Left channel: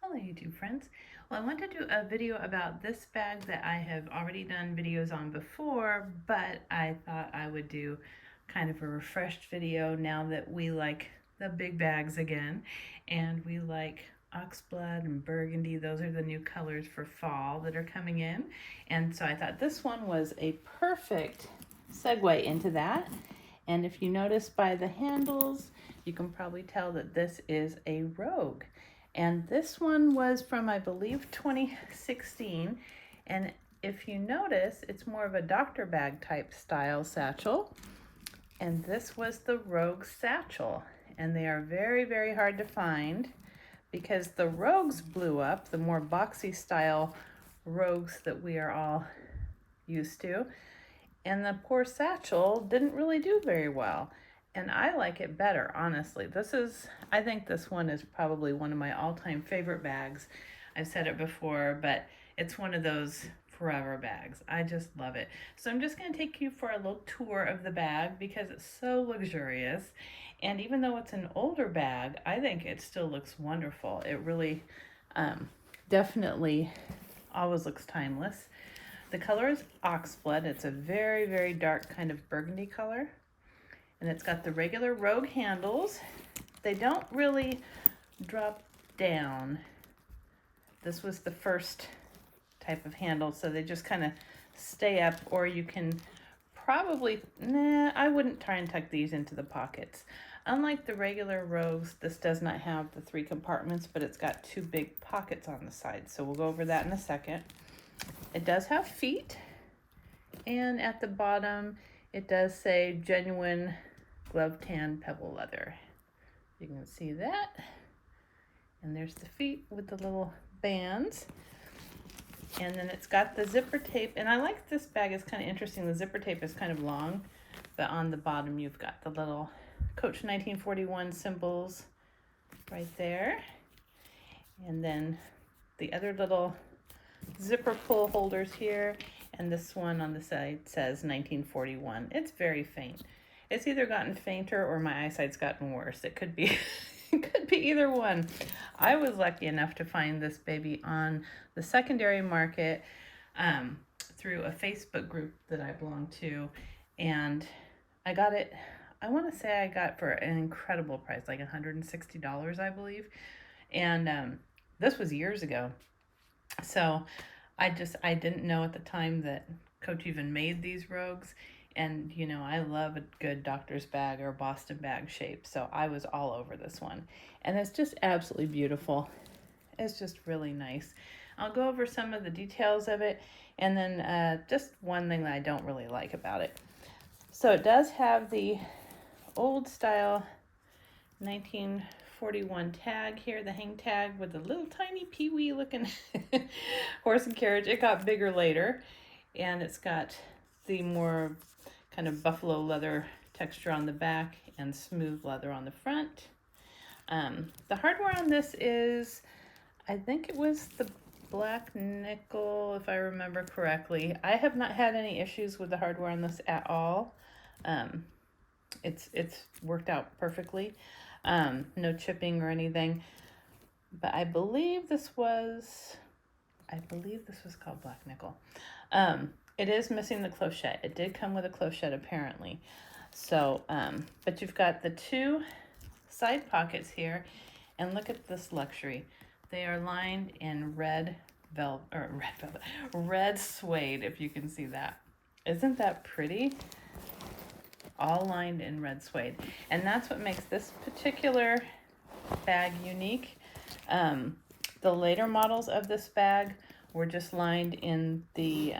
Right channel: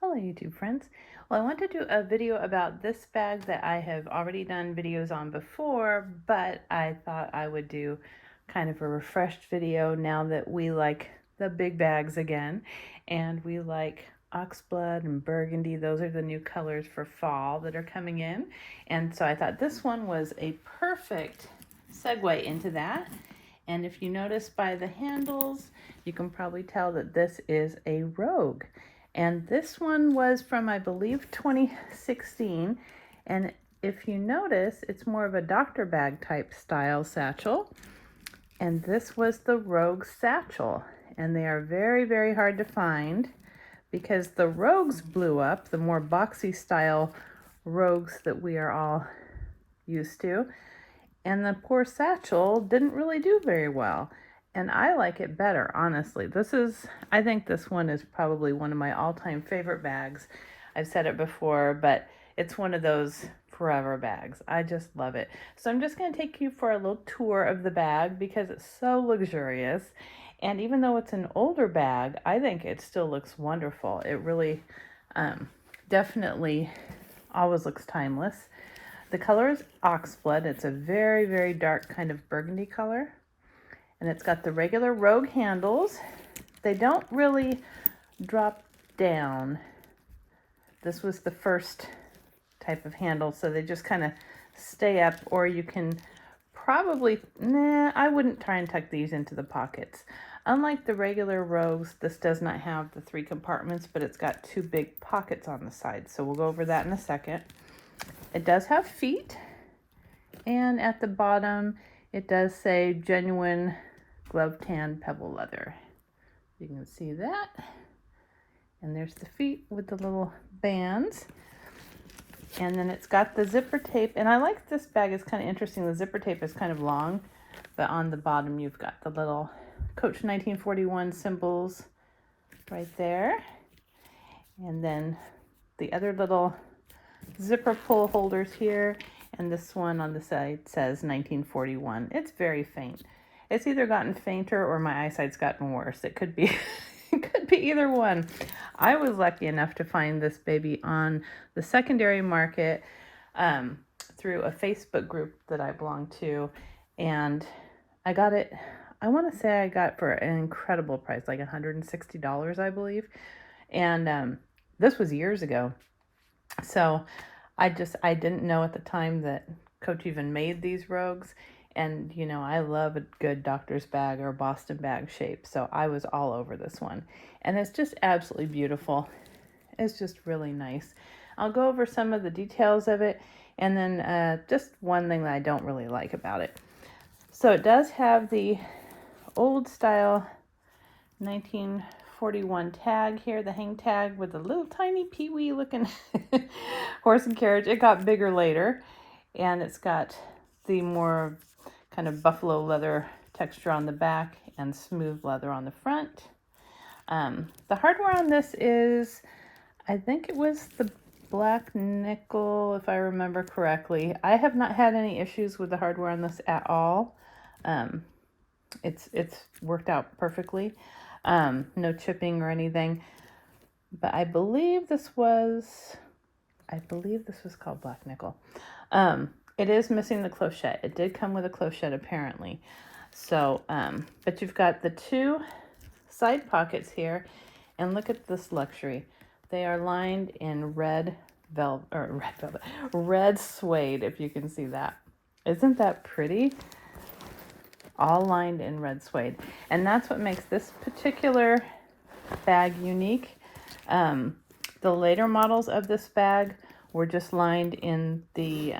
Hello YouTube friends. Well, I want to do a video about this bag that I have already done videos on before, but I thought I would do kind of a refreshed video now that we like the big bags again, and we like oxblood and burgundy. Those are the new colors for fall that are coming in, and so I thought this one was a perfect segue into that. And if you notice by the handles, you can probably tell that this is a Rogue. And this one was from, I believe, 2016. And if you notice, it's more of a doctor bag type style satchel. And this was the Rogue Satchel. And they are very, very hard to find because the Rogues blew up, the more boxy style Rogues that we are all used to. And the poor Satchel didn't really do very well. And I like it better, honestly. I think this one is probably one of my all-time favorite bags. I've said it before, but it's one of those forever bags. I just love it. So I'm just going to take you for a little tour of the bag because it's so luxurious. And even though it's an older bag, I think it still looks wonderful. It really definitely always looks timeless. The color is oxblood. It's a very, very dark kind of burgundy color. And it's got the regular Rogue handles. They don't really drop down. This was the first type of handle, so they just kind of stay up, or you can probably, I wouldn't try and tuck these into the pockets. Unlike the regular Rogues, this does not have the 3 compartments, but it's got 2 big pockets on the side, so we'll go over that in a second. It does have feet, and at the bottom it does say genuine glove tan pebble leather. You can see that. And there's the feet with the little bands. And then it's got the zipper tape. And I like this bag, it's kind of interesting. The zipper tape is kind of long, but on the bottom you've got the little Coach 1941 symbols right there. And then the other little zipper pull holders here. And this one on the side says 1941. It's very faint. It's either gotten fainter or my eyesight's gotten worse. It could be it could be either one. I was lucky enough to find this baby on the secondary market through a Facebook group that I belong to, and I got it, I want to say I got for an incredible price, like $160, I believe. And this was years ago. So I didn't know at the time that Coach even made these Rogues. And, you know, I love a good doctor's bag or Boston bag shape. So I was all over this one. And it's just absolutely beautiful. It's just really nice. I'll go over some of the details of it. And then just one thing that I don't really like about it. So it does have the old style 1941 tag here, the hang tag with a little tiny peewee looking horse and carriage. It got bigger later. And it's got the more kind of buffalo leather texture on the back and smooth leather on the front. The hardware on this is, I think it was the black nickel, if I remember correctly. I have not had any issues with the hardware on this at all. It's worked out perfectly. No chipping or anything. But I believe this was called black nickel. It is missing the clochette. It did come with a clochette apparently. So, but you've got the 2 side pockets here, and look at this luxury. They are lined in red suede, if you can see that. Isn't that pretty? All lined in red suede. And that's what makes this particular bag unique. The later models of this bag were just lined in the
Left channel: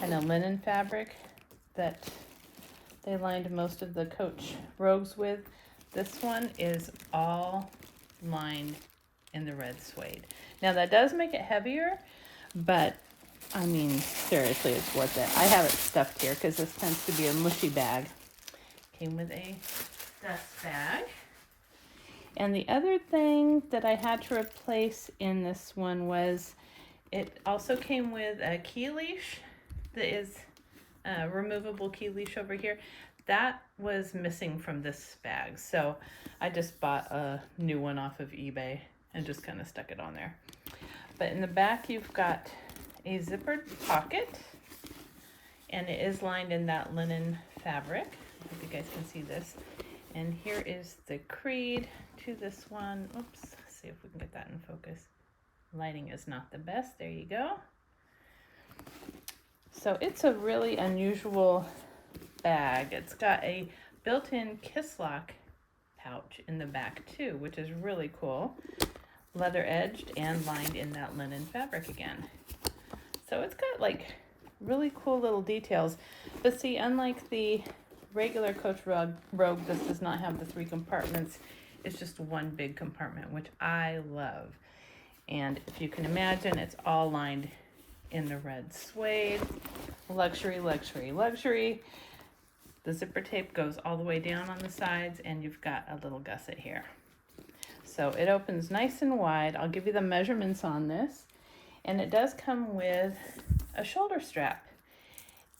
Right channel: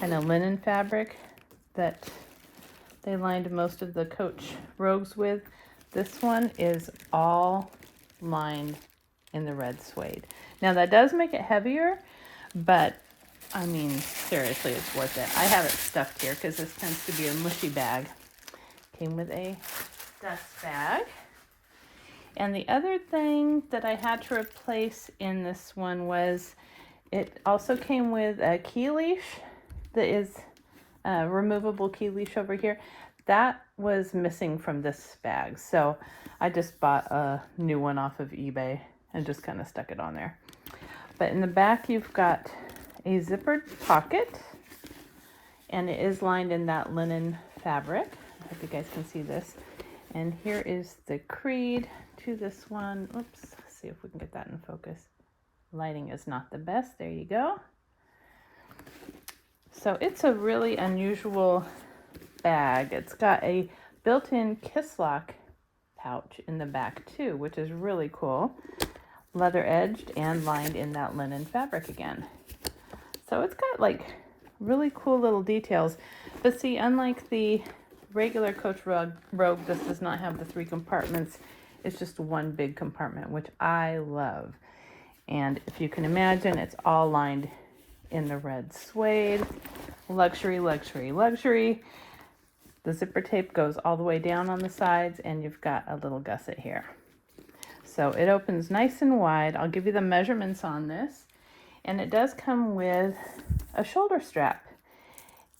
kind of linen fabric that they lined most of the Coach Rogues with. This one is all lined in the red suede. Now that does make it heavier, but I mean, seriously, it's worth it. I have it stuffed here because this tends to be a mushy bag. Came with a dust bag. And the other thing that I had to replace in this one was it also came with a key leash that is a removable key leash over here. that was missing from this bag. So I just bought a new one off of eBay and just kind of stuck it on there. But in the back, you've got a zippered pocket, and it is lined in that linen fabric. I hope you guys can see this. And here is the creed to this one. Oops, let's see if we can get that in focus. Lighting is not the best. There you go. So it's a really unusual bag. It's got a built-in kiss lock pouch in the back too, which is really cool. Leather edged and lined in that linen fabric again. So it's got like really cool little details. But see, unlike the regular Coach Rogue, this does not have the 3 compartments. It's just one big compartment, which I love. And if you can imagine, it's all lined in the red suede. Luxury, luxury, luxury. The zipper tape goes all the way down on the sides, and you've got a little gusset here. So it opens nice and wide. I'll give you the measurements on this. And it does come with a shoulder strap.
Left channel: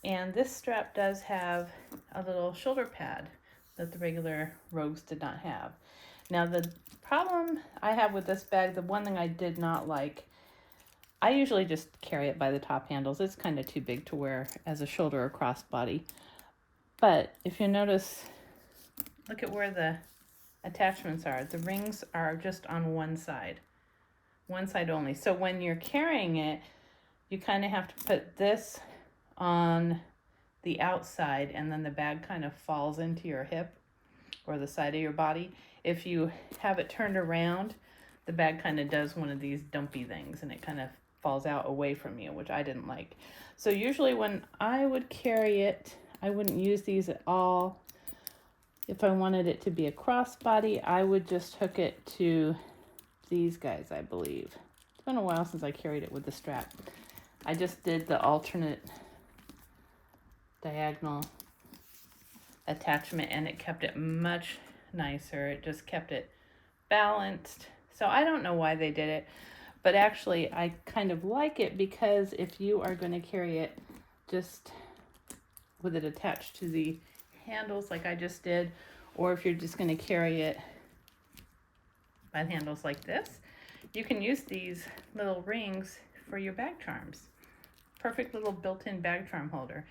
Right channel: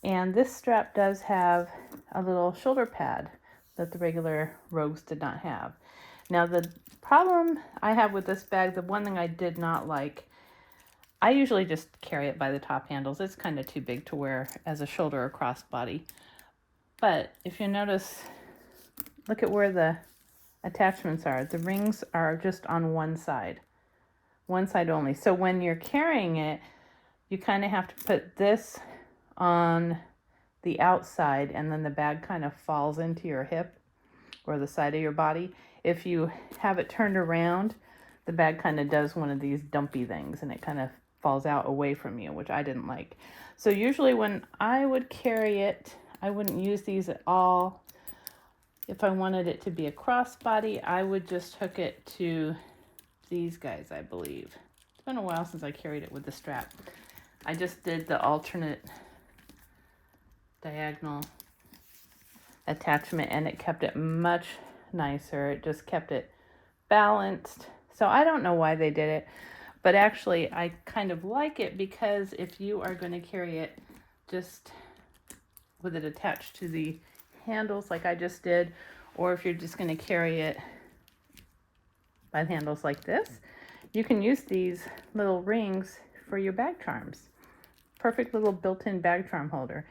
And this strap does have a little shoulder pad that the regular Rogues did not have. Now the problem I have with this bag, the one thing I did not like, I usually just carry it by the top handles. It's kind of too big to wear as a shoulder or crossbody. But if you notice, look at where the attachments are. The rings are just on one side only. So when you're carrying it, you kind of have to put this on the outside, and then the bag kind of falls into your hip or the side of your body. If you have it turned around, the bag kind of does one of these dumpy things, and it kind of falls out away from you, which I didn't like. So usually when I would carry it, I wouldn't use these at all. If I wanted it to be a crossbody, I would just hook it to these guys, I believe. It's been a while since I carried it with the strap. I just did the alternate diagonal attachment, and it kept it much nicer. It just kept it balanced. So I don't know why they did it, but actually I kind of like it, because if you are going to carry it just with it attached to the handles like I just did, or if you're just going to carry it by handles like this, you can use these little rings for your bag charms. Perfect little built-in bag charm holder.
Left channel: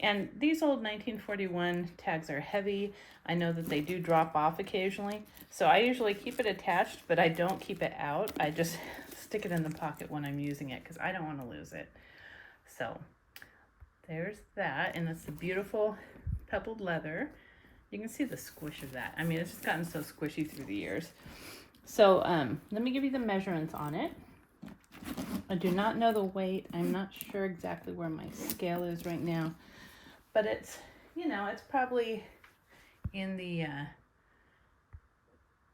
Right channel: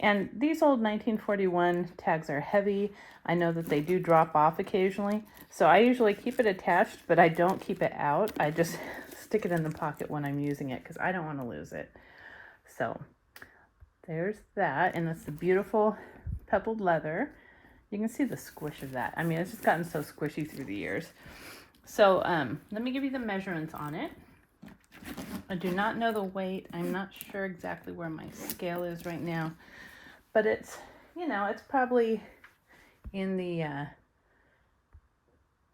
And these old 1941 tags are heavy. I know that they do drop off occasionally, so I usually keep it attached, but I don't keep it out. I just stick it in the pocket when I'm using it, because I don't want to lose it. So there's that, and it's a beautiful pebbled leather. You can see the squish of that. I mean, it's just gotten so squishy through the years. So let me give you the measurements on it. I do not know the weight. I'm not sure exactly where my scale is right now, but it's, you know, it's probably in the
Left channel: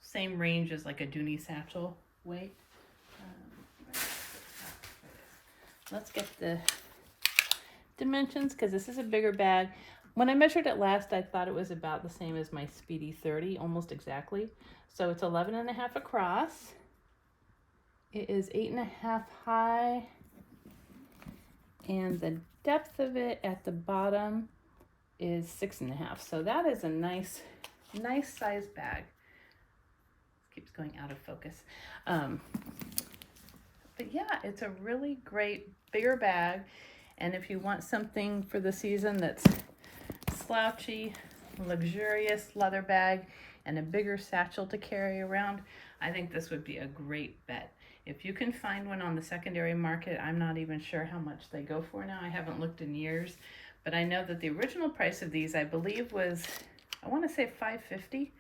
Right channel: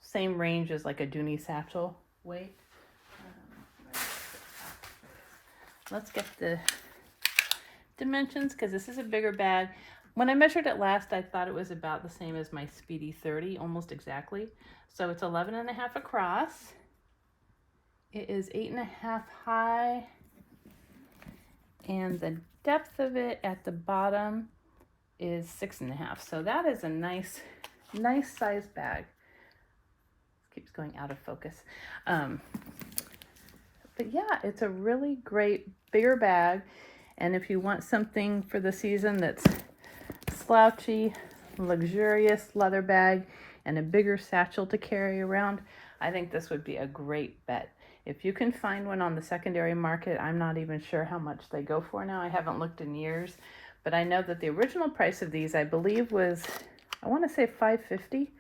same range as like a Dooney Satchel weight. Let's get the dimensions, because this is a bigger bag. When I measured it last, I thought it was about the same as my Speedy 30, almost exactly. So it's 11.5 across. It is 8.5 high, and the depth of it at the bottom is 6.5. So that is a nice size bag. This keeps going out of focus. But yeah, it's a really great bigger bag. And if you want something for the season that's slouchy, luxurious leather bag, and a bigger satchel to carry around, I think this would be a great bet. If you can find one on the secondary market, I'm not even sure how much they go for now. I haven't looked in years, but I know that the original price of these, I believe, was, I want to say $550.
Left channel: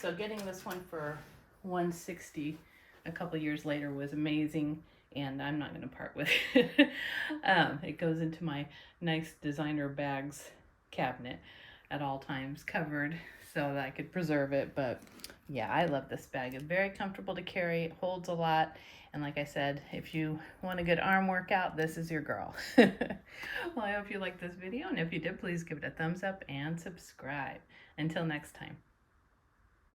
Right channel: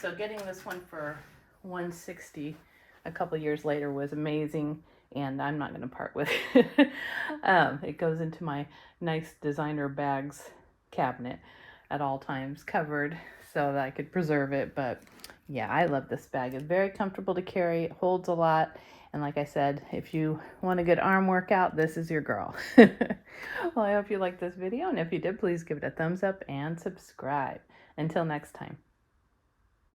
So getting this one for $160 a couple years later was amazing, and I'm not going to part with it. It goes into my nice designer bags cabinet at all times, covered so that I could preserve it. But yeah, I love this bag. It's very comfortable to carry. It holds a lot. And like I said, if you want a good arm workout, this is your girl. Well, I hope you liked this video. And if you did, please give it a thumbs up and subscribe. Until next time.